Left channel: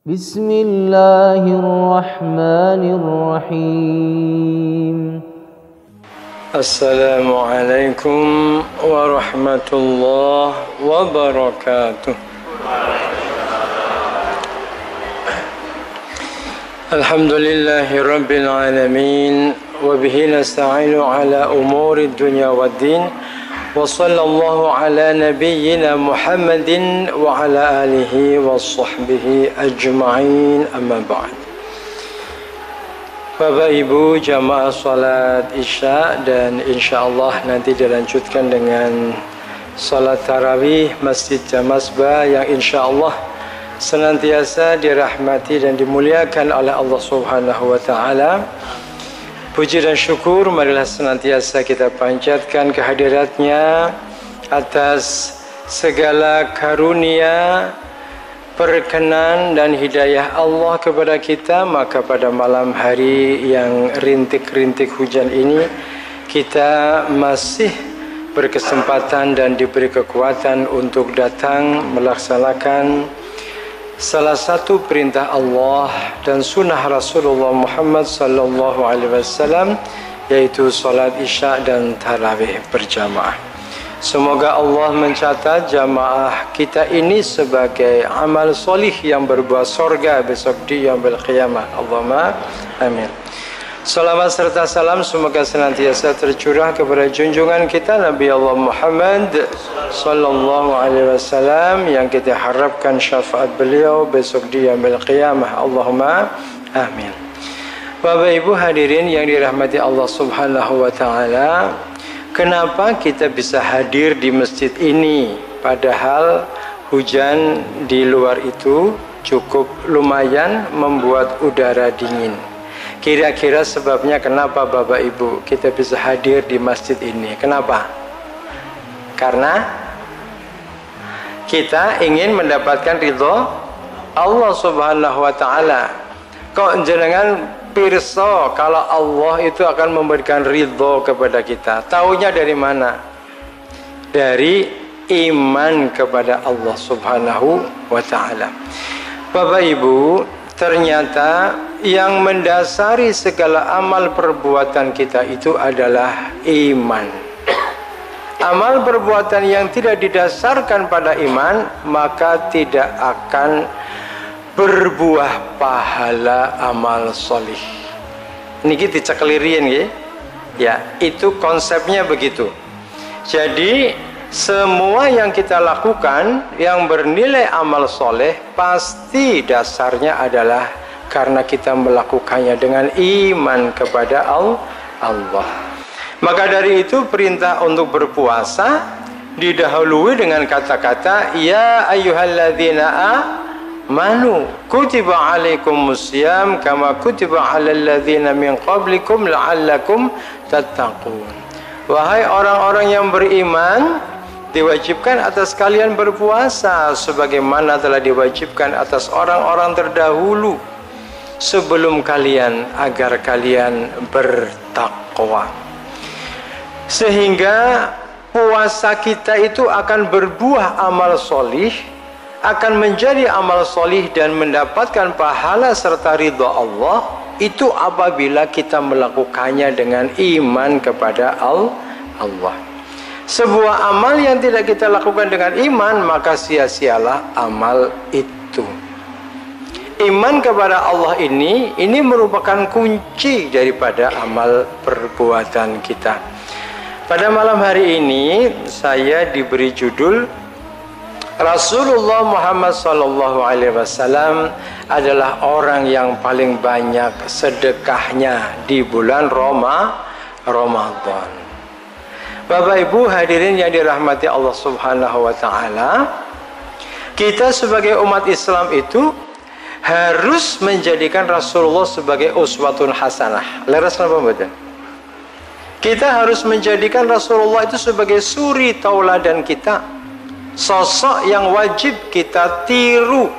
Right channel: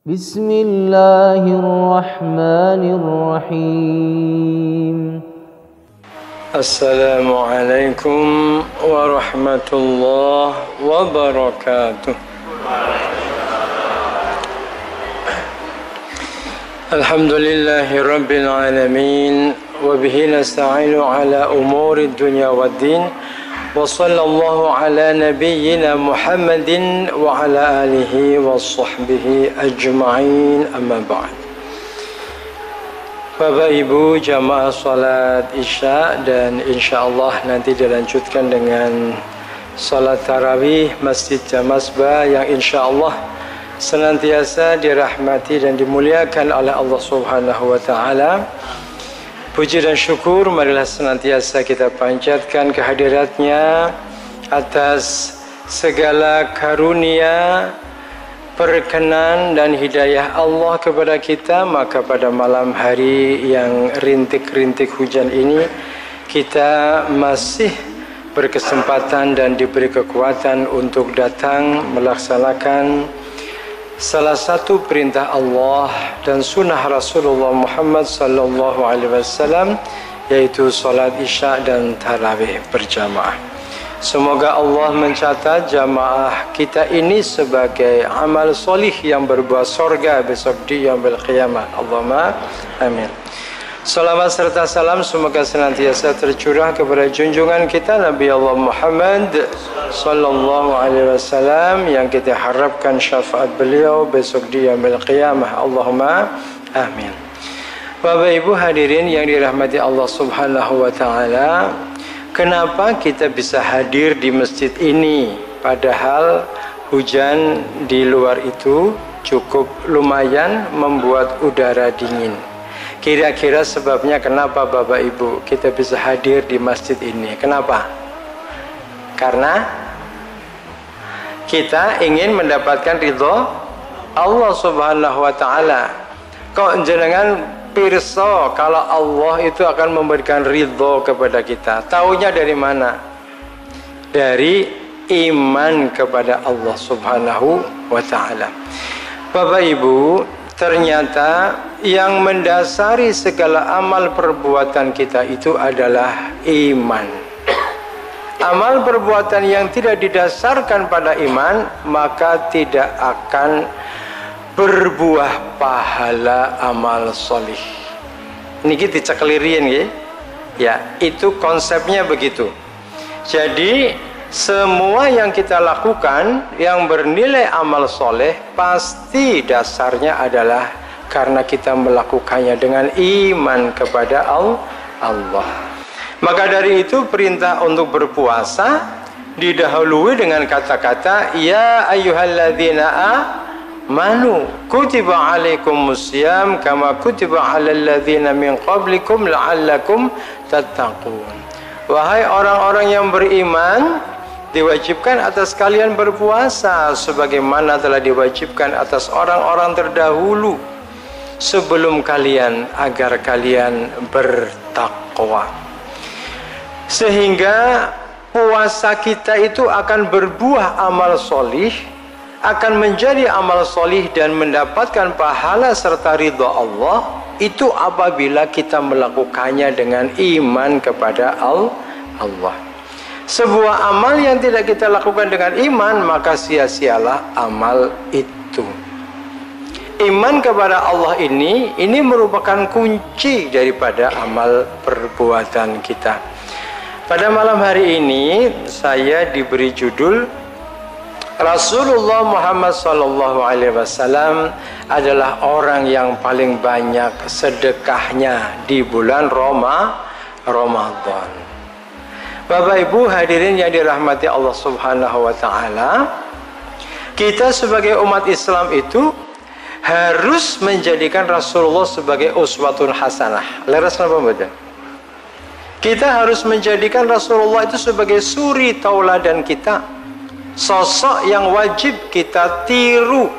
Bismillahirrahmanirrahim. Assalamualaikum warahmatullahi wabarakatuh. Alhamdulillahi rabbil alamin, wa bihi nasta'inu ala umuri dunya waddin, wa sallallahu ala nabiyyina Muhammadin wa ala alihi wa sahbihi ajma'in, amma ba'd. Bapak Ibu jamaah salat Isya, dan insyaallah nanti dilanjutkan dengan salat tarawih Masjid Jamasbah yang insyaallah senantiasa dirahmati dan dimuliakan oleh Allah Subhanahu wa taala. Puji dan syukur marilah senantiasa kita panjatkan kehadiratnya atas segala karunia, perkenan dan hidayah Allah kepada kita. Maka pada malam hari yang rintik-rintik hujan ini, kita masih berkesempatan dan diberi kekuatan untuk datang melaksanakan salah satu perintah Allah dan sunnah Rasulullah Muhammad sallallahu alaihi wasallam, yaitu salat Isya dan tarawih berjamaah. Semoga Allah mencatat jamaah kita ini sebagai amal solih yang berbuah sorga besok di yaumil qiyamah. Allahumma amin. Salawat serta salam semoga senantiasa tercurah kepada junjungan kita Nabi Allah Muhammad sallallahu alaihi wasallam yang kita harapkan syafaat beliau besok di yaumil qiyamah. Allahumma amin. Bapak Ibu hadirin yang dirahmati Allah Subhanahu wa taala, kenapa kita bisa hadir di masjid ini padahal hujan di luar itu cukup lumayan membuat udara dingin? Kira-kira sebabnya kenapa Bapak Ibu kita bisa hadir di masjid ini? Kenapa? Karena kita ingin mendapatkan ridho Allah Subhanahu wa taala. Kok jenengan pirsa kalau Allah itu akan memberikan ridho kepada kita? Taunya dari mana? Dari iman kepada Allah Subhanahu wa taala. Bapak Ibu, ternyata yang mendasari segala amal perbuatan kita itu adalah iman. Amal perbuatan yang tidak didasarkan pada iman maka tidak akan berbuah pahala amal solih. Niki dicekelirian ya. Ya, itu konsepnya begitu. Jadi semua yang kita lakukan yang bernilai amal soleh pasti dasarnya adalah karena kita melakukannya dengan iman kepada Allah. Maka dari itu perintah untuk berpuasa didahului dengan kata-kata ya ayyuhalladzina amanu kutiba alaikumusiyam kama kutiba alal ladzina min qablikum la'allakum tattaqun. Wahai orang-orang yang beriman, diwajibkan atas kalian berpuasa sebagaimana telah diwajibkan atas orang-orang terdahulu sebelum kalian agar kalian bertakwa. Sehingga puasa kita itu akan berbuah amal solih, akan menjadi amal solih dan mendapatkan pahala serta ridha Allah itu apabila kita melakukannya dengan iman kepada Allah. Sebuah amal yang tidak kita lakukan dengan iman maka sia-sialah amal itu. Iman kepada Allah ini merupakan kunci daripada amal perbuatan kita. Pada malam hari ini saya diberi judul Rasulullah Muhammad sallallahu alaihi wasallam adalah orang yang paling banyak sedekahnya di bulan Ramadan. Bapak Ibu hadirin yang dirahmati Allah Subhanahu wa taala, kita sebagai umat Islam itu harus menjadikan Rasulullah sebagai uswatun hasanah. Leres napa mboten? Kita harus menjadikan Rasulullah itu sebagai suri tauladan kita, sosok yang wajib kita tiru.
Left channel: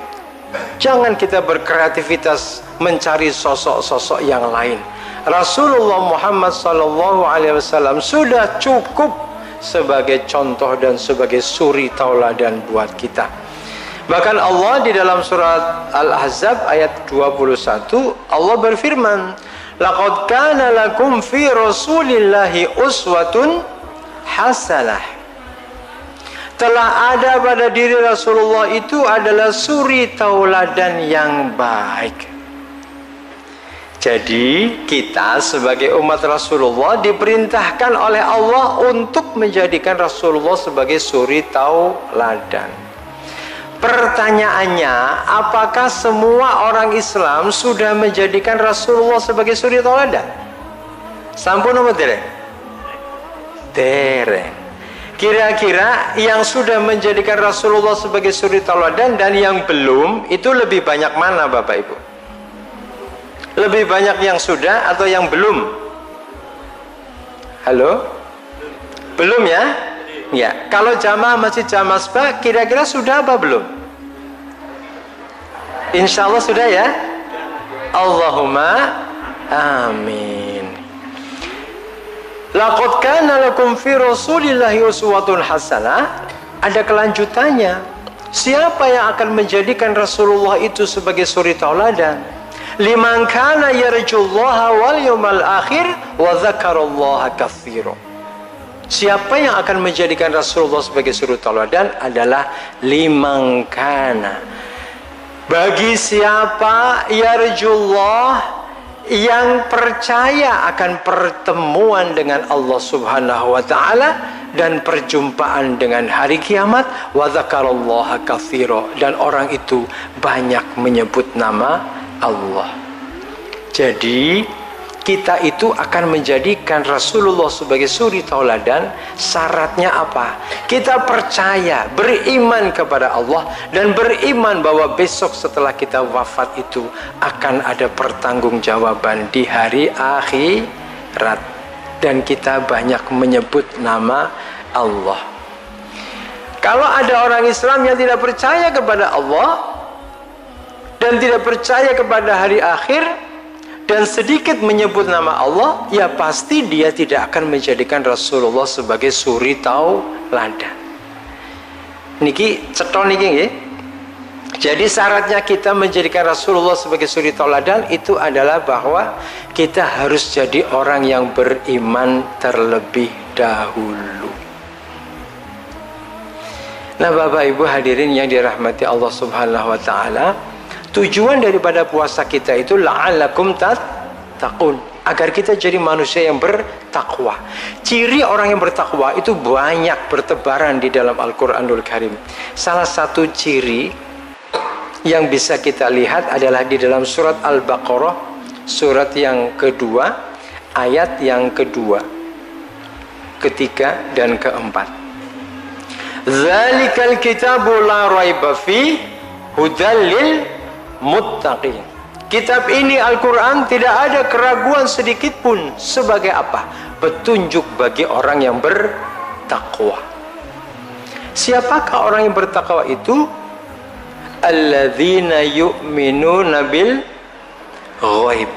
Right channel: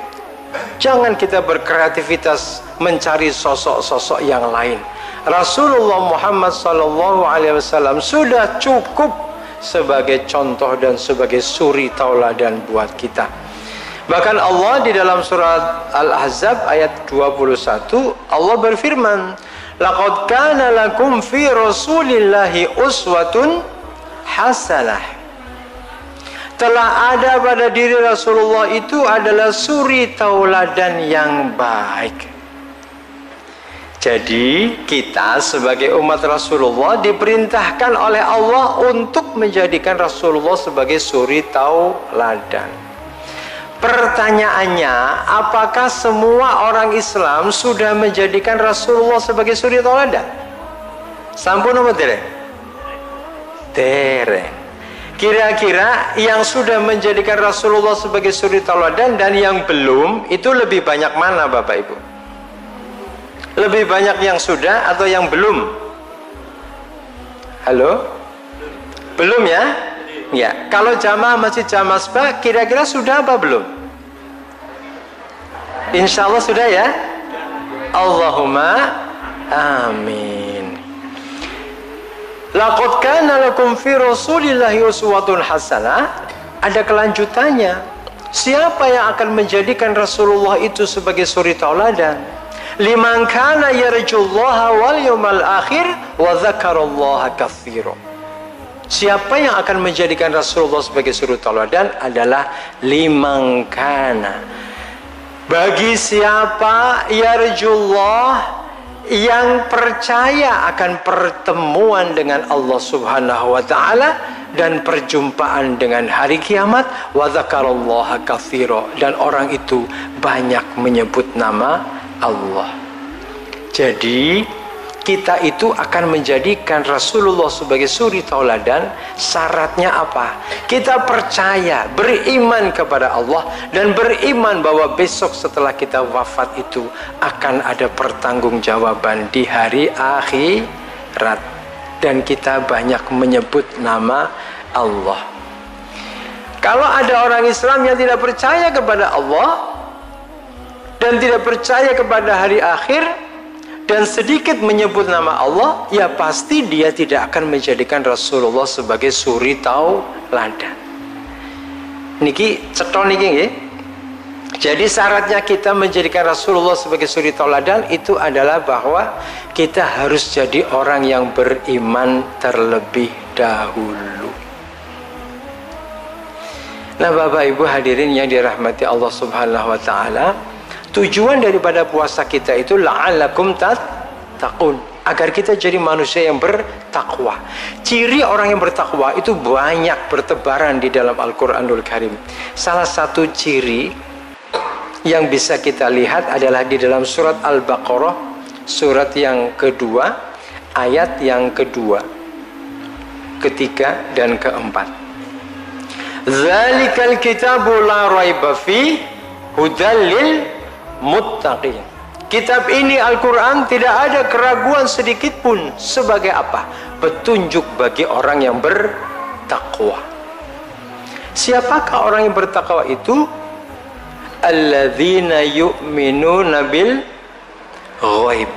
Jangan kita berkreativitas mencari sosok-sosok yang lain. Rasulullah Muhammad sallallahu alaihi wasallam sudah cukup sebagai contoh dan sebagai suri tauladan buat kita. Bahkan Allah di dalam surat Al-Ahzab ayat 21 Allah berfirman, laqad kana lakum fi rasulillahi uswatun hasanah. Telah ada pada diri Rasulullah itu adalah suri tauladan yang baik. Jadi kita sebagai umat Rasulullah diperintahkan oleh Allah untuk menjadikan Rasulullah sebagai suri tauladan. Pertanyaannya, apakah semua orang Islam sudah menjadikan Rasulullah sebagai suri tauladan? Sampun apa dereng? Dereng. Kira-kira yang sudah menjadikan Rasulullah sebagai suri tauladan dan yang belum, itu lebih banyak mana Bapak Ibu? Lebih banyak yang sudah atau yang belum? Halo? Belum ya? Ya. Kalau jamaah Masjid Jamasbah kira-kira sudah apa belum? Insya Allah sudah ya? Allahumma amin. Laqad kana lakum fi rasulillahi uswatun hasanah. Ada kelanjutannya. Siapa yang akan menjadikan Rasulullah itu sebagai suri tauladan? Liman kana yarjullaha wal yawmal akhir wa dzakarallaha katsiran. Siapa yang akan menjadikan Rasulullah sebagai suri tauladan adalah liman kana, bagi siapa yarjullah, yang percaya akan pertemuan dengan Allah Subhanahu wa taala dan perjumpaan dengan hari kiamat, wa dzakarallaha katsiran, dan orang itu banyak menyebut nama Allah. Jadi kita itu akan menjadikan Rasulullah sebagai suri tauladan. Syaratnya apa? Kita percaya, beriman kepada Allah dan beriman bahwa besok setelah kita wafat itu akan ada pertanggungjawaban di hari akhirat, dan kita banyak menyebut nama Allah. Kalau ada orang Islam yang tidak percaya kepada Allah dan tidak percaya kepada hari akhir dan sedikit menyebut nama Allah, ya pasti dia tidak akan menjadikan Rasulullah sebagai suri tauladan. Niki ceton niki nggih. Jadi syaratnya kita menjadikan Rasulullah sebagai suri tauladan itu adalah bahwa kita harus jadi orang yang beriman terlebih dahulu. Nah, Bapak Ibu hadirin yang dirahmati Allah Subhanahu wa taala, tujuan daripada puasa kita itu la'allakum tattaqun, agar kita jadi manusia yang bertakwa. Ciri orang yang bertakwa itu banyak bertebaran di dalam Al-Qur'anul Karim. Salah satu ciri yang bisa kita lihat adalah di dalam surat Al-Baqarah, surat yang kedua, ayat yang kedua, ketiga dan keempat. Zalikal kitabu la raiba fi hudal lil muttaqin. Kitab ini Al-Quran tidak ada keraguan sedikit pun. Sebagai apa? Petunjuk bagi orang yang bertakwa. Siapakah orang yang bertakwa itu? Alladzina yu'minuna bil ghaib.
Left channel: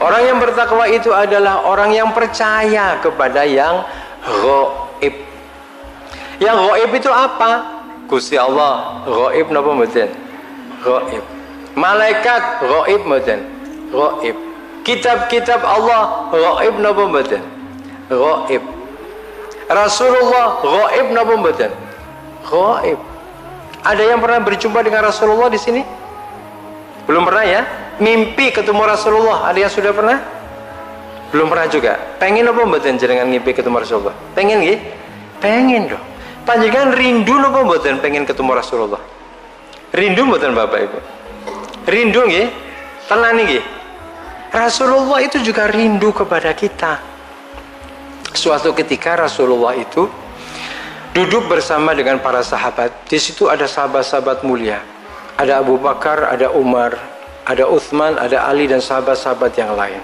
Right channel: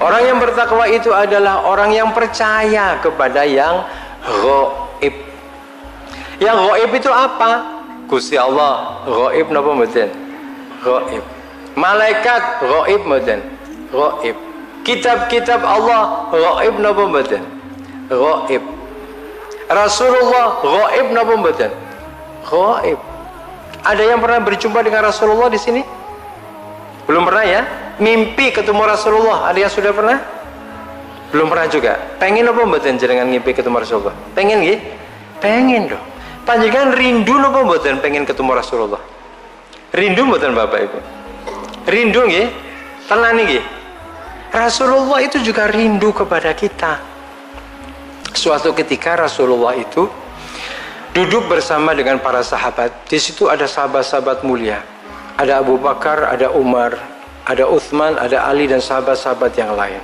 Orang yang bertakwa itu adalah orang yang percaya kepada yang ghaib. Yang ghaib itu apa? Gusti Allah ghaib napa mboten? Ghaib. Malaikat ghaib mboten? Ghaib. Kitab-kitab Allah ghaib napa mboten? Ghaib. Rasulullah ghaib napa mboten? Ghaib. Ada yang pernah berjumpa dengan Rasulullah di sini? Belum pernah ya? Mimpi ketemu Rasulullah, ada yang sudah pernah? Belum pernah juga. Pengen apa mboten jenengan ngimpi ketemu Rasulullah? Pengen nggih? Pengen dong. Panjenengan rindu napa mboten pengen ketemu Rasulullah? Rindu mboten Bapak Ibu? Rindu nggih? Tenan nggih? Rasulullah itu juga rindu kepada kita. Suatu ketika Rasulullah itu duduk bersama dengan para sahabat. Di situ ada sahabat-sahabat mulia. Ada Abu Bakar, ada Umar, ada Uthman, ada Ali dan sahabat-sahabat yang lain.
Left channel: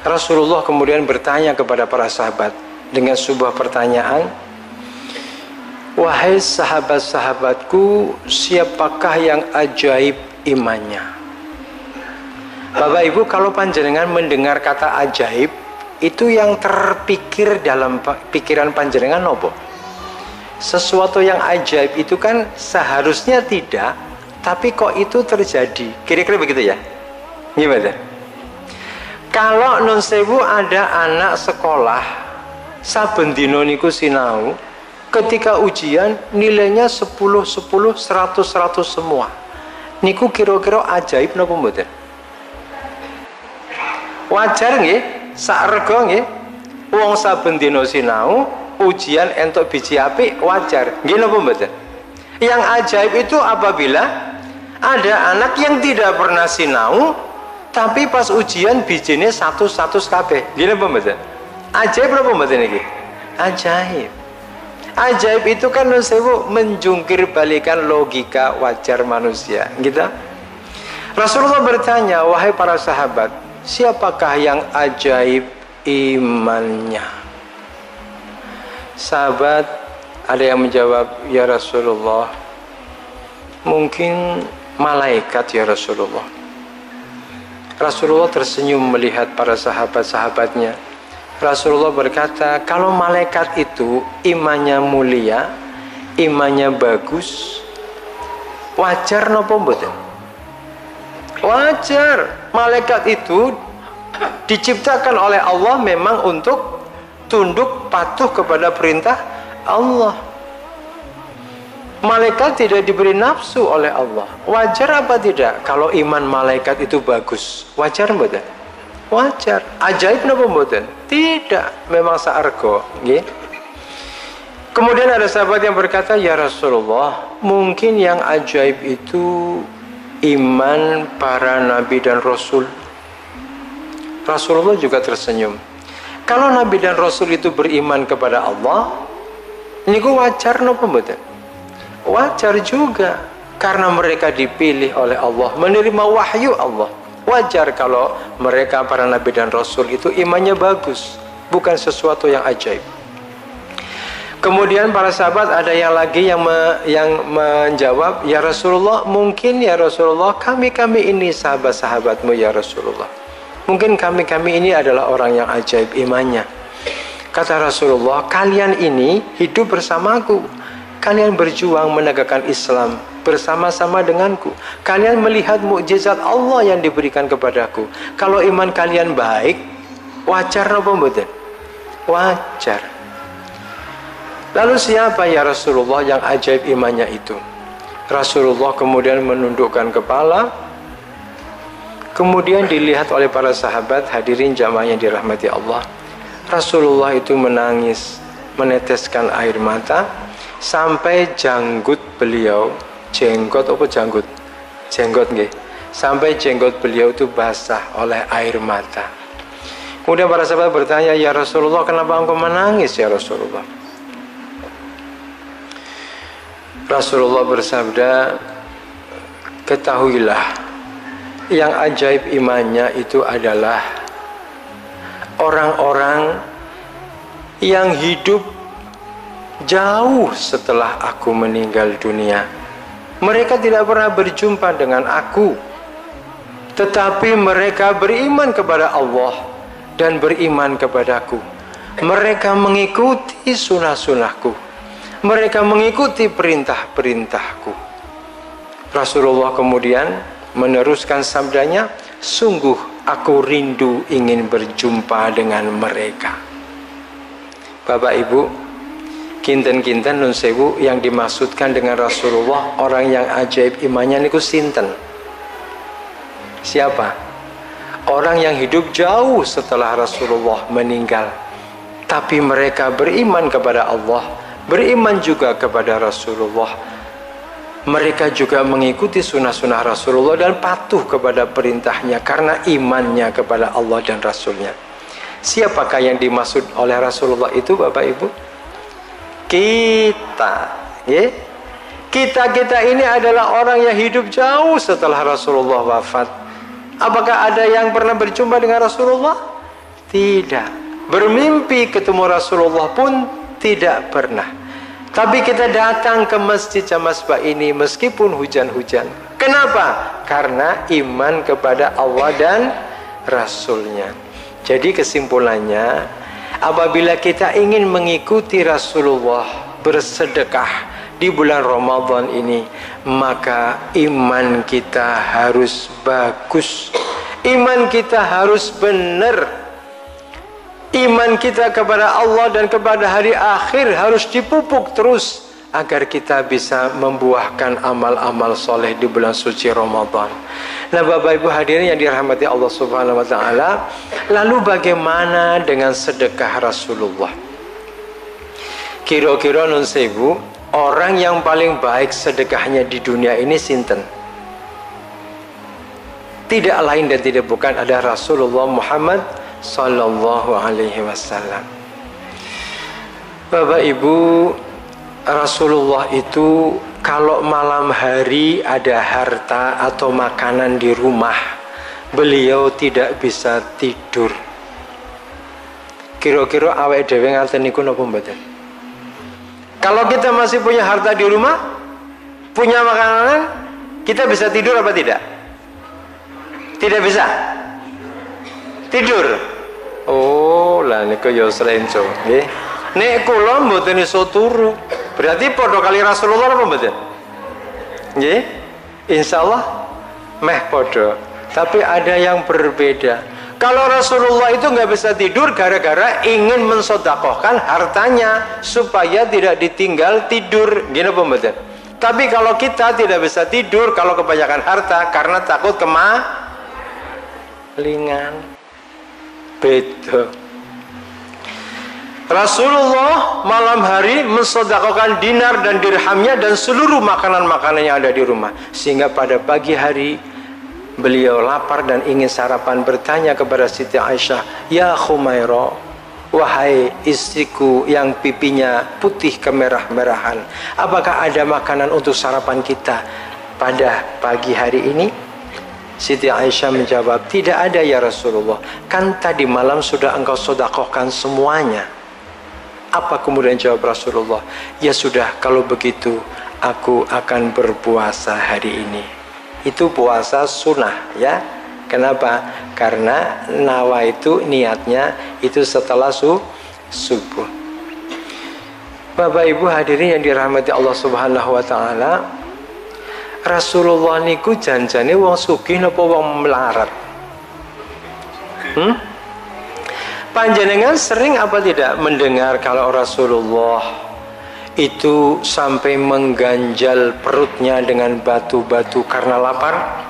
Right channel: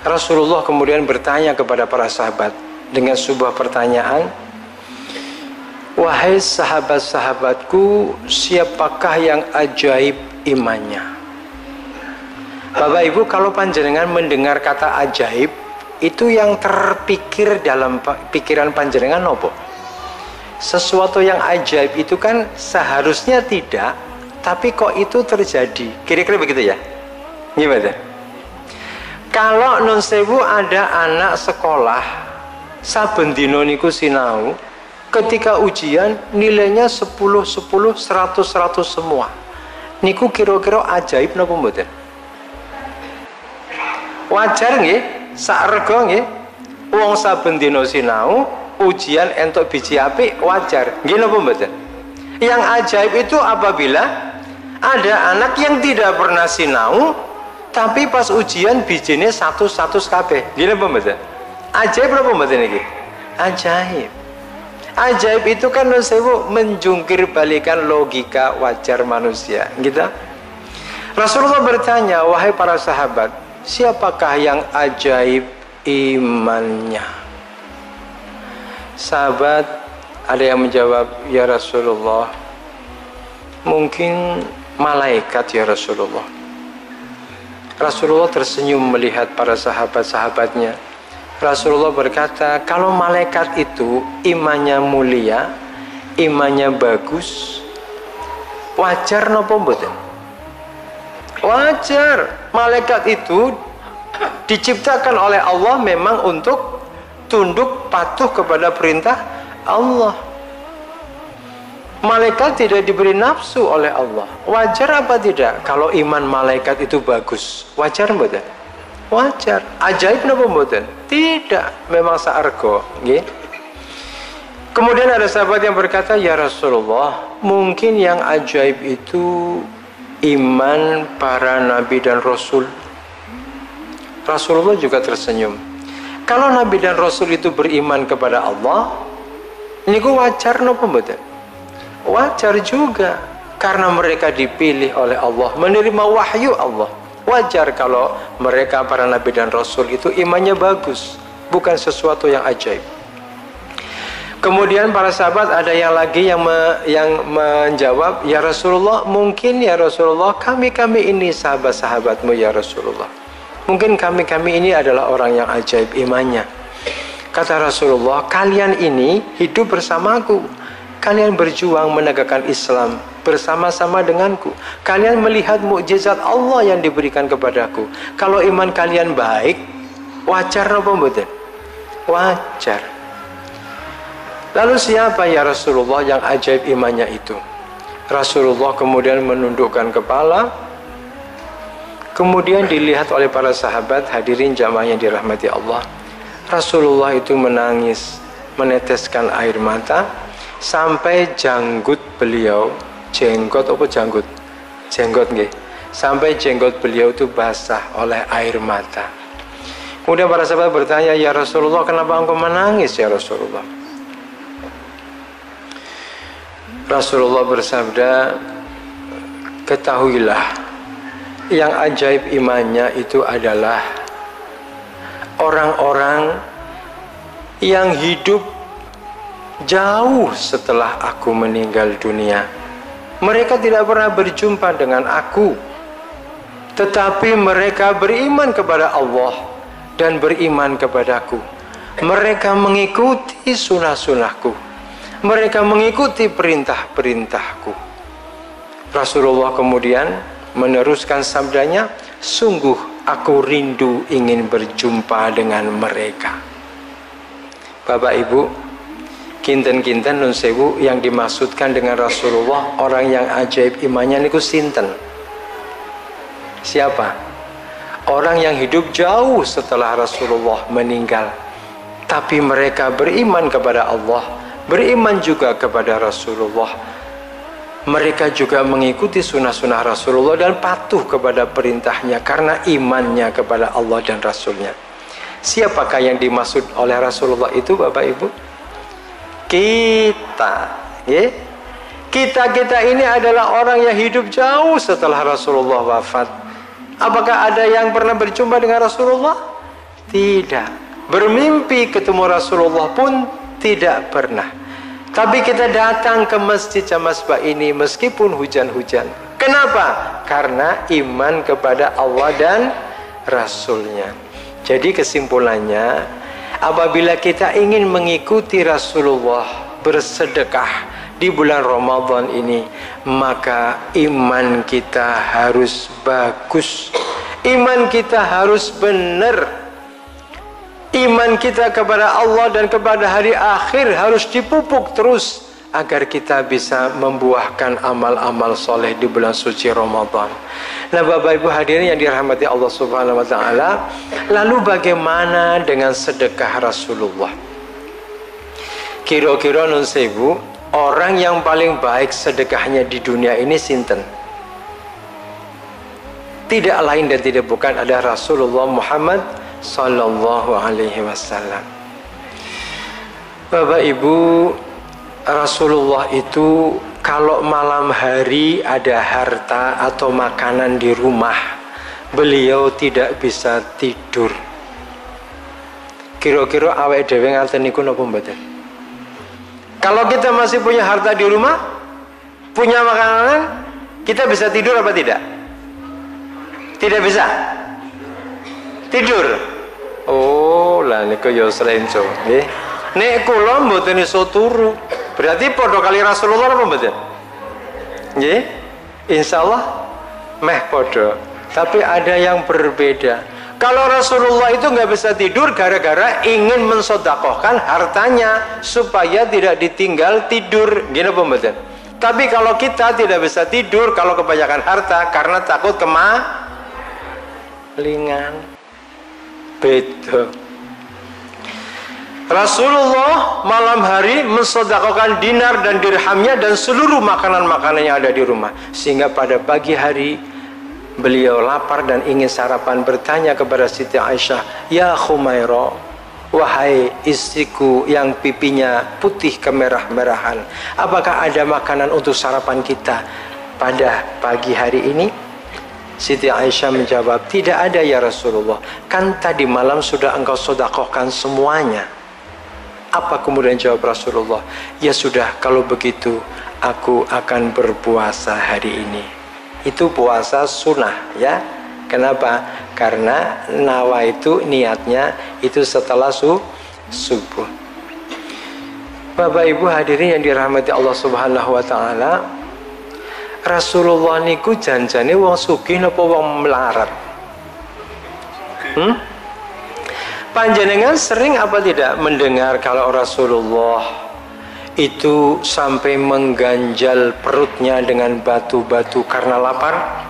Rasulullah kemudian bertanya kepada para sahabat dengan sebuah pertanyaan, wahai sahabat-sahabatku, siapakah yang ajaib imannya? Bapak Ibu, kalau panjenengan mendengar kata ajaib, itu yang terpikir dalam pikiran panjenengan apa? Sesuatu yang ajaib itu kan seharusnya tidak, tapi kok itu terjadi. Kira-kira begitu ya? Gimana? Kalau nun sewu ada anak sekolah saben dina niku sinau, ketika ujian nilainya 10, 10, 100, 100 semua. Niku kira-kira ajaib napa mboten? Wajar nggih? Sak rega nggih? Wong saben dina sinau, ujian entuk biji apik, wajar. Nggih napa mboten? Yang ajaib itu apabila ada anak yang tidak pernah sinau, tapi pas ujian bijine 100 kabeh. Nggih napa mboten? Ajaib napa mboten iki? Ajaib. Ajaib itu kan nun sewu menjungkir balikan logika wajar manusia, gitu. Rasulullah bertanya, wahai para sahabat, siapakah yang ajaib imannya? Sahabat ada yang menjawab, ya Rasulullah, mungkin malaikat ya Rasulullah. Rasulullah tersenyum melihat para sahabat-sahabatnya. Rasulullah berkata, kalau malaikat itu imannya mulia, imannya bagus, wajar napa mboten? Wajar. Malaikat itu diciptakan oleh Allah memang untuk tunduk patuh kepada perintah Allah. Malaikat tidak diberi nafsu oleh Allah. Wajar apa tidak kalau iman malaikat itu bagus? Wajar mboten? Wajar. Ajaib napa mboten? Tidak, memang saarga, nggih. Kemudian ada sahabat yang berkata, ya Rasulullah, mungkin yang ajaib itu iman para nabi dan rasul. Rasulullah juga tersenyum. Kalau nabi dan rasul itu beriman kepada Allah, niku wajar napa mboten? Wajar juga, karena mereka dipilih oleh Allah, menerima wahyu Allah. Wajar kalau mereka para nabi dan rasul itu imannya bagus, bukan sesuatu yang ajaib. Kemudian para sahabat ada yang lagi yang menjawab, ya Rasulullah, mungkin ya Rasulullah kami ini sahabat-sahabatmu ya Rasulullah. Mungkin kami ini adalah orang yang ajaib imannya. Kata Rasulullah, kalian ini hidup bersamaku. Kalian berjuang menegakkan Islam bersama-sama denganku. Kalian melihat mukjizat Allah yang diberikan kepadaku. Kalau iman kalian baik, wajar napa mboten? Wajar. Lalu siapa ya Rasulullah yang ajaib imannya itu? Rasulullah kemudian menundukkan kepala. Kemudian dilihat oleh para sahabat, hadirin jamaah yang dirahmati Allah. Rasulullah itu menangis, meneteskan air mata sampai janggut beliau, jenggot apa janggut? Jenggot nggih. Sampai jenggot beliau itu basah oleh air mata. Kemudian para sahabat bertanya, ya Rasulullah, kenapa engkau menangis ya Rasulullah? Rasulullah bersabda, ketahuilah, yang ajaib imannya itu adalah orang-orang yang hidup jauh setelah aku meninggal dunia. Mereka tidak pernah berjumpa dengan aku, tetapi mereka beriman kepada Allah dan beriman kepadaku. Mereka mengikuti sunnah-sunnahku. Mereka mengikuti perintah-perintahku. Rasulullah kemudian meneruskan sabdanya, sungguh aku rindu ingin berjumpa dengan mereka. Bapak Ibu, kinten-kinten nun sewu yang dimaksudkan dengan Rasulullah orang yang ajaib imannya niku sinten? Siapa? Orang yang hidup jauh setelah Rasulullah meninggal, tapi mereka beriman kepada Allah, beriman juga kepada Rasulullah. Mereka juga mengikuti sunnah-sunnah Rasulullah dan patuh kepada perintahnya karena imannya kepada Allah dan Rasulnya. Siapakah yang dimaksud oleh Rasulullah itu Bapak Ibu? Kita, ya? Kita ini adalah orang yang hidup jauh setelah Rasulullah wafat. Apakah ada yang pernah berjumpa dengan Rasulullah? Tidak. Bermimpi ketemu Rasulullah pun tidak pernah. Tapi kita datang ke Masjid Jamasbah ini meskipun hujan-hujan. Kenapa? Karena iman kepada Allah dan Rasulnya. Jadi kesimpulannya, apabila kita ingin mengikuti Rasulullah bersedekah di bulan Ramadan ini, maka iman kita harus bagus, iman kita harus benar, iman kita kepada Allah dan kepada hari akhir harus dipupuk terus agar kita bisa membuahkan amal-amal soleh di bulan suci Ramadan. Nah, Bapak Ibu hadirin yang dirahmati Allah Subhanahu wa taala, lalu bagaimana dengan sedekah Rasulullah? Kira-kira nun sewu, orang yang paling baik sedekahnya di dunia ini sinten? Tidak lain dan tidak bukan ada Rasulullah Muhammad sallallahu alaihi wasallam. Bapak Ibu, Rasulullah itu kalau malam hari ada harta atau makanan di rumah, beliau tidak bisa tidur. Kira-kira awake dhewe ngaten niku napa mboten? Kalau kita masih punya harta di rumah, punya makanan, kita bisa tidur apa tidak? Tidak bisa tidur. Oh, lah niku yo slenco nggih. Nek kula mboten iso turu, berarti padha kali Rasulullah apa mboten? Nggih. Insyaallah meh padha. Tapi ada yang berbeda. Kalau Rasulullah itu nggak bisa tidur gara-gara ingin mensedekahkan hartanya supaya tidak ditinggal tidur, gini apa mboten? Tapi kalau kita tidak bisa tidur kalau kebanyakan harta karena takut kemalingan. Beda. Rasulullah malam hari mensedekahkan dinar dan dirhamnya dan seluruh makanan-makanan yang ada di rumah, sehingga pada pagi hari beliau lapar dan ingin sarapan, bertanya kepada Siti Aisyah, "Ya Khumairah, wahai istriku yang pipinya putih kemerah-merahan, apakah ada makanan untuk sarapan kita pada pagi hari ini?" Siti Aisyah menjawab, "Tidak ada ya Rasulullah, kan tadi malam sudah engkau sedekahkan semuanya." Apa kemudian jawab Rasulullah? "Ya sudah, kalau begitu aku akan berpuasa hari ini." Itu puasa sunnah ya. Kenapa? Karena nawa itu niatnya itu setelah subuh. Bapak Ibu hadirin yang dirahmati Allah Subhanahu wa taala, Rasulullah niku janjane wong sugih napa wong melarat? Panjenengan sering apa tidak mendengar kalau Rasulullah itu sampai mengganjal perutnya dengan batu-batu karena lapar?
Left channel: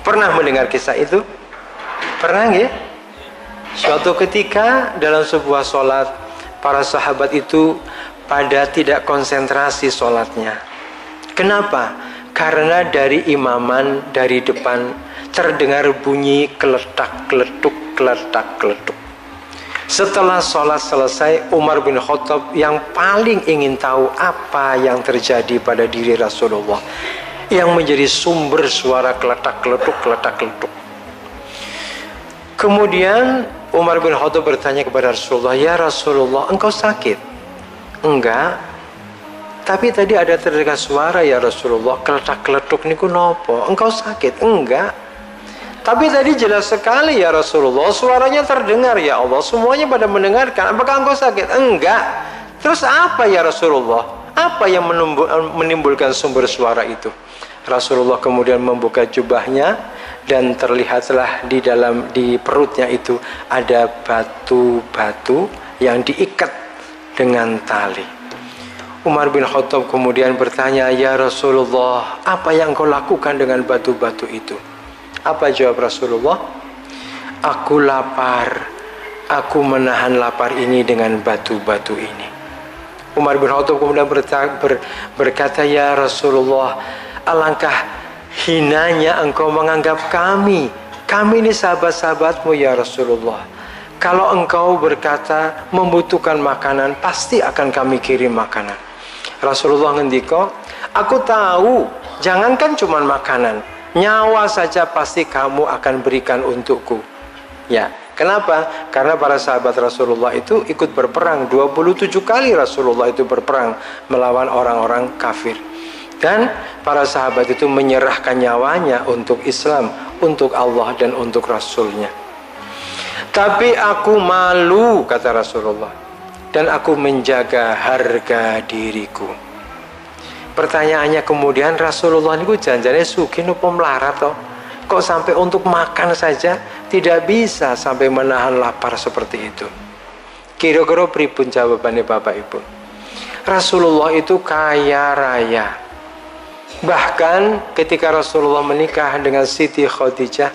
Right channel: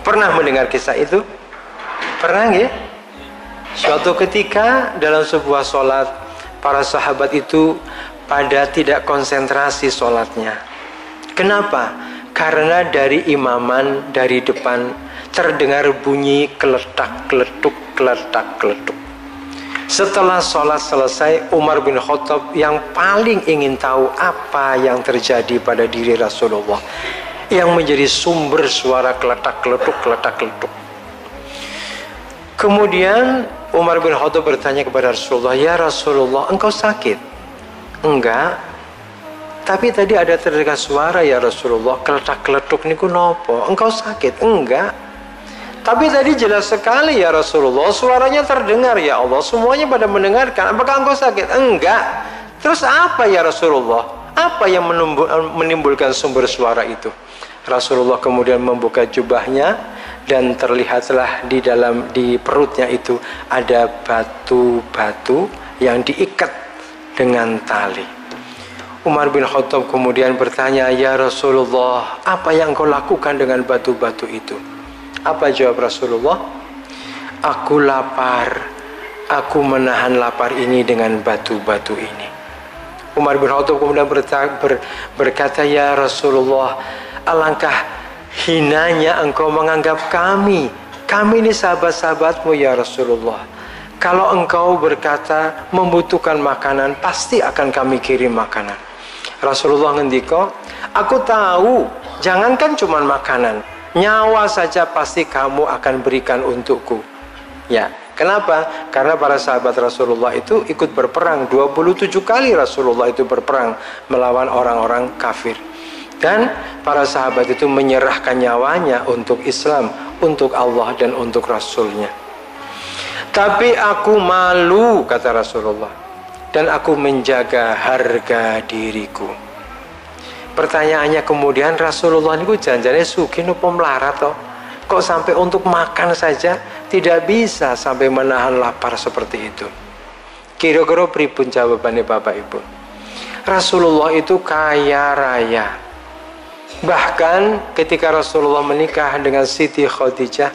Pernah mendengar kisah itu? Pernah ya? Suatu ketika dalam sebuah sholat, para sahabat itu pada tidak konsentrasi sholatnya. Kenapa? Karena dari imaman dari depan terdengar bunyi keletak-keletuk, keletak-keletuk. Setelah sholat selesai, Umar bin Khattab yang paling ingin tahu apa yang terjadi pada diri Rasulullah, yang menjadi sumber suara keletak-keletuk, keletak-keletuk. Kemudian Umar bin Khattab bertanya kepada Rasulullah, "Ya Rasulullah, engkau sakit?" "Enggak. Tapi tadi ada terdengar suara ya Rasulullah, keletak-keletuk niku nopo? Engkau sakit?" "Enggak. Tapi tadi jelas sekali ya Rasulullah, suaranya terdengar ya Allah, semuanya pada mendengarkan. Apakah engkau sakit?" "Enggak." "Terus apa ya Rasulullah? Apa yang menimbulkan sumber suara itu?" Rasulullah kemudian membuka jubahnya dan terlihatlah di perutnya itu ada batu-batu yang diikat dengan tali. Umar bin Khattab kemudian bertanya, "Ya Rasulullah, apa yang engkau lakukan dengan batu-batu itu?" Apa jawab Rasulullah? "Aku lapar. Aku menahan lapar ini dengan batu-batu ini." Umar bin Khattab kemudian berkata, "Ya Rasulullah, alangkah hinanya engkau menganggap kami ini sahabat-sahabatmu ya Rasulullah. Kalau engkau berkata membutuhkan makanan, pasti akan kami kirim makanan." Rasulullah ngendika, "Aku tahu, jangankan cuma makanan, nyawa saja pasti kamu akan berikan untukku." Ya, kenapa? Karena para sahabat Rasulullah itu ikut berperang 27 kali. Rasulullah itu berperang melawan orang-orang kafir. Dan para sahabat itu menyerahkan nyawanya untuk Islam, untuk Allah dan untuk Rasulnya. "Tapi aku malu," kata Rasulullah. dan aku menjaga harga diriku. Pertanyaannya kemudian, Rasulullah niku janjane sugih napa melarat toh? Kok sampai untuk makan saja tidak bisa sampai menahan lapar seperti itu? Kira-kira pripun jawabannya Bapak Ibu? Rasulullah itu kaya raya. Bahkan ketika Rasulullah menikah dengan Siti Khadijah,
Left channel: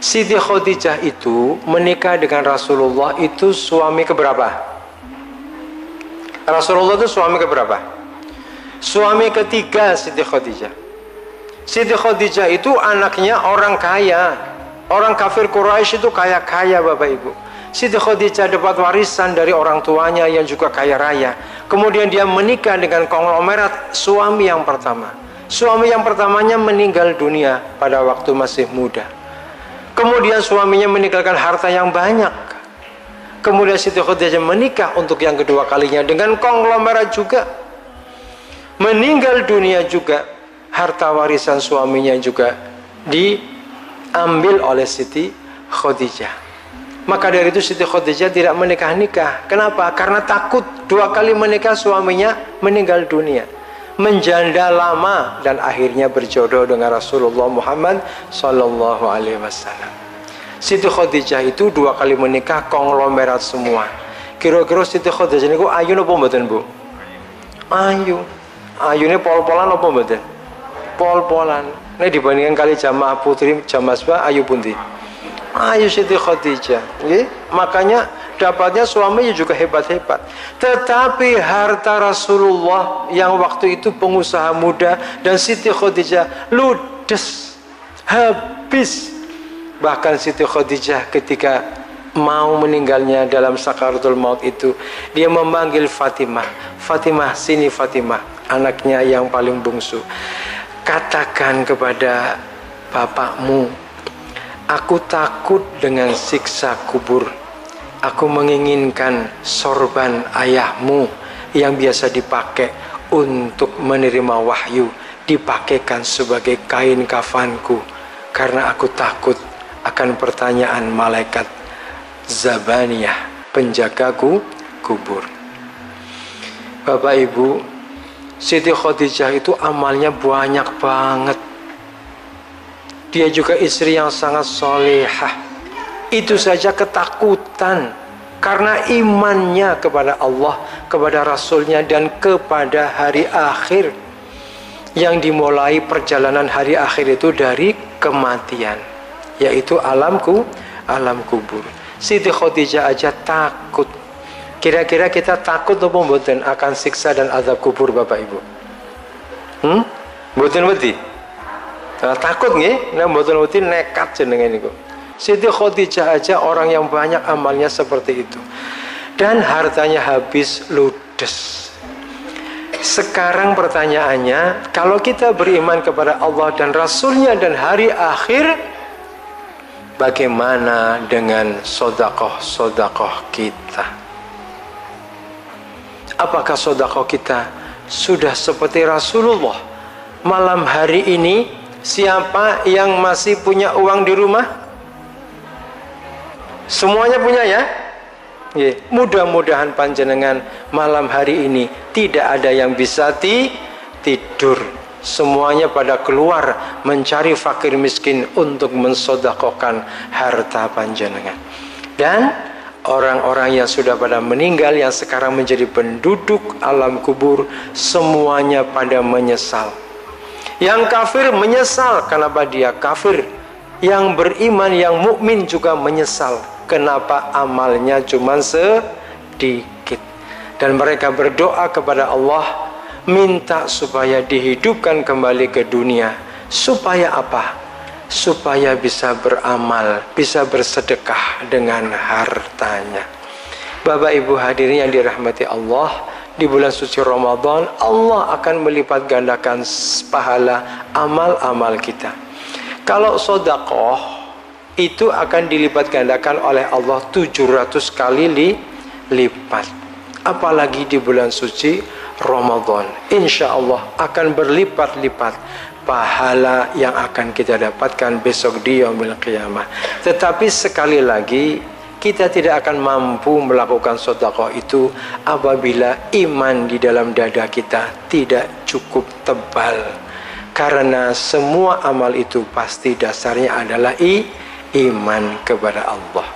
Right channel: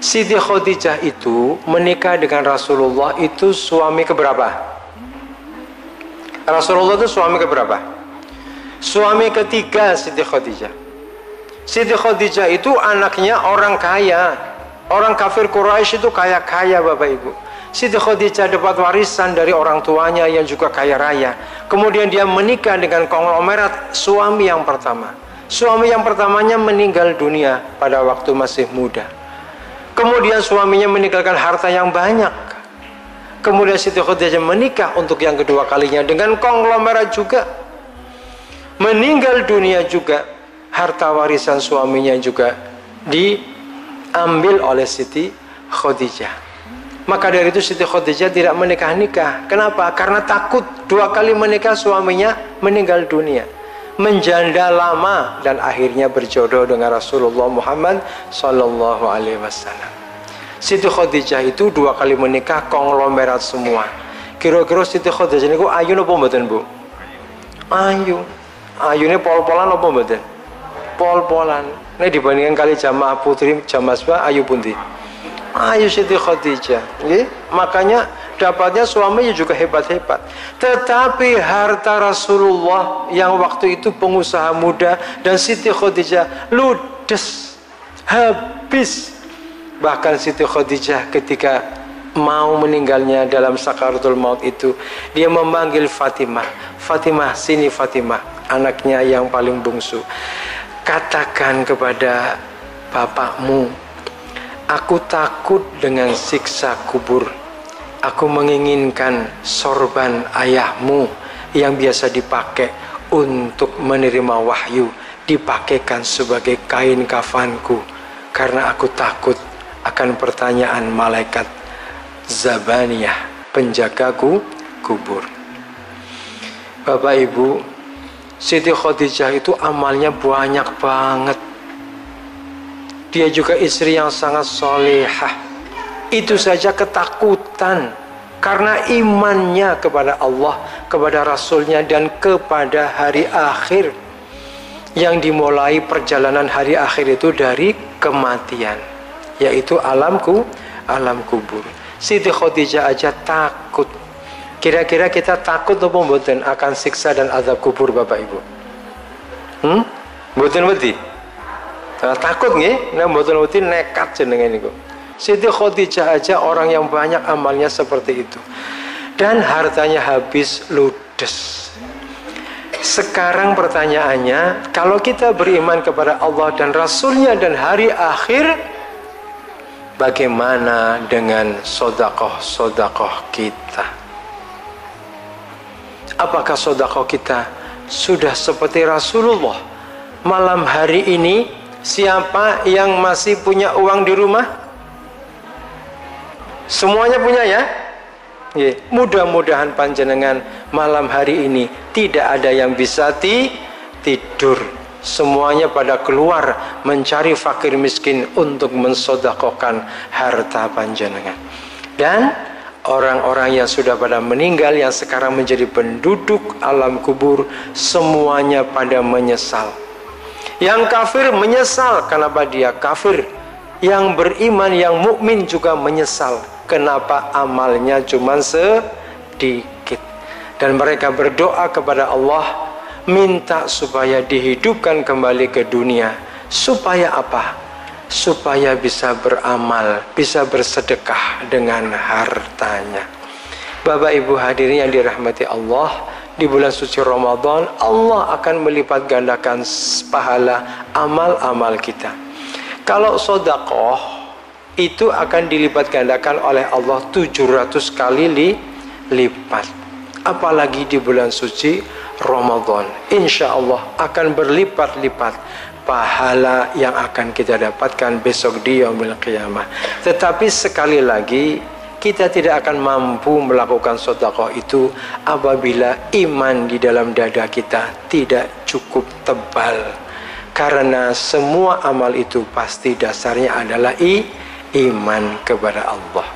Siti Khadijah itu menikah dengan Rasulullah itu suami keberapa? Rasulullah itu suami keberapa? Suami ketiga Siti Khadijah. Siti Khadijah itu anaknya orang kaya. Orang kafir Quraisy itu kaya-kaya Bapak Ibu. Siti Khadijah dapat warisan dari orang tuanya yang juga kaya raya. Kemudian dia menikah dengan konglomerat suami yang pertama. Suami yang pertamanya meninggal dunia pada waktu masih muda. Kemudian suaminya meninggalkan harta yang banyak. Kemudian Siti Khadijah menikah untuk yang kedua kalinya dengan konglomerat juga. Meninggal dunia juga, harta warisan suaminya juga diambil oleh Siti Khadijah. Maka dari itu Siti Khadijah tidak menikah-nikah. Kenapa? Karena takut 2 kali menikah suaminya meninggal dunia. Menjanda lama dan akhirnya berjodoh dengan Rasulullah Muhammad Sallallahu Alaihi Wasallam. Siti Khadijah itu 2 kali menikah konglomerat semua. Kira-kira Siti Khadijah niku ayu napa mboten, Bu? Ayu. Ayune pol-polan apa mboten? Pol-polan. Nek dibandingkan kali jamaah putri jamaah Masbah ayu pundi? Ayu Siti Khadijah. Nggih, makanya dapatnya suaminya juga hebat-hebat. Tetapi harta Rasulullah yang waktu itu pengusaha muda dan Siti Khadijah ludes, habis. Bahkan Siti Khadijah ketika mau meninggalnya dalam sakaratul maut itu, dia memanggil Fatimah. Fatimah, sini Fatimah, anaknya yang paling bungsu. Katakan kepada bapakmu, aku takut dengan siksa kubur. Aku menginginkan sorban ayahmu yang biasa dipakai untuk menerima wahyu dipakaikan sebagai kain kafanku, karena aku takut akan pertanyaan malaikat Zabaniyah, penjagaku kubur. Bapak Ibu, Siti Khadijah itu amalnya banyak banget. Dia juga istri yang sangat solehah. Itu saja ketakutan karena imannya kepada Allah, kepada Rasulnya, dan kepada hari akhir. Yang dimulai perjalanan hari akhir itu dari kematian, yaitu alam kubur. Siti Khadijah aja takut. Kira-kira kita takut atau mboten akan siksa dan azab kubur Bapak Ibu? Mboten wedi? Nah, takut nggih, nek mboten wedi nekat jenenge niku. Siti Khadijah aja orang yang banyak amalnya seperti itu. Dan hartanya habis ludes. Sekarang pertanyaannya, kalau kita beriman kepada Allah dan Rasulnya dan hari akhir, bagaimana dengan sodakoh-sodakoh kita? Apakah sodakoh kita sudah seperti Rasulullah? Malam hari ini, siapa yang masih punya uang di rumah? Semuanya punya ya? Mudah-mudahan panjenengan malam hari ini tidak ada yang bisa tidur. Semuanya pada keluar mencari fakir miskin untuk mensodakohkan harta panjenengan. Dan orang-orang yang sudah pada meninggal, yang sekarang menjadi penduduk alam kubur, semuanya pada menyesal. Yang kafir menyesal kenapa dia kafir. Yang beriman, yang mukmin juga menyesal kenapa amalnya cuma sedikit. Dan mereka berdoa kepada Allah, minta supaya dihidupkan kembali ke dunia. Supaya apa? Supaya bisa beramal, bisa bersedekah dengan hartanya. Bapak Ibu hadirin yang dirahmati Allah, di bulan suci Ramadan Allah akan melipat gandakan pahala amal-amal kita. Kalau sodakoh itu akan dilipat gandakan oleh Allah 700 kali lipat. Apalagi di bulan suci Ramadan, insya Allah akan berlipat-lipat pahala yang akan kita dapatkan besok di yaumil qiyamah. Tetapi sekali lagi, kita tidak akan mampu melakukan sedekah itu apabila iman di dalam dada kita tidak cukup tebal. Karena semua amal itu pasti dasarnya adalah iman kepada Allah.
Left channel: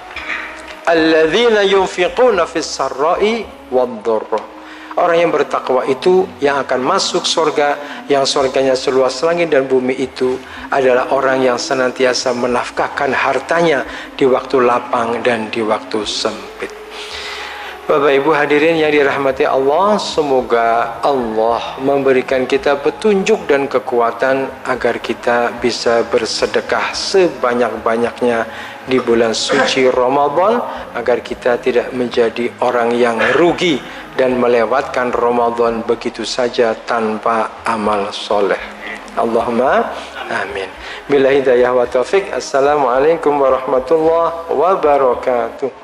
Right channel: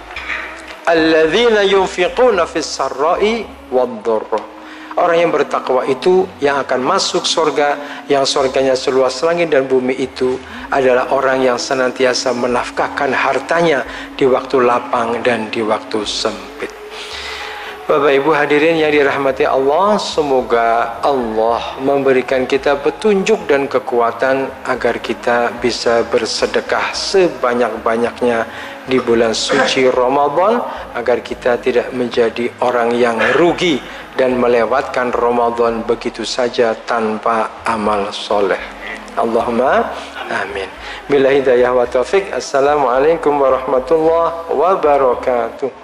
Alladzina yunfiquna fis sarra'i wad-dharra. Orang yang bertakwa itu yang akan masuk surga, yang surganya seluas langit dan bumi itu adalah orang yang senantiasa menafkahkan hartanya di waktu lapang dan di waktu sempit. Bapak Ibu hadirin yang dirahmati Allah, semoga Allah memberikan kita petunjuk dan kekuatan agar kita bisa bersedekah sebanyak-banyaknya di bulan suci Ramadan, agar kita tidak menjadi orang yang rugi dan melewatkan Ramadan begitu saja tanpa amal soleh. Allahumma amin. Bila hidayah wa taufik. Assalamualaikum warahmatullahi wabarakatuh.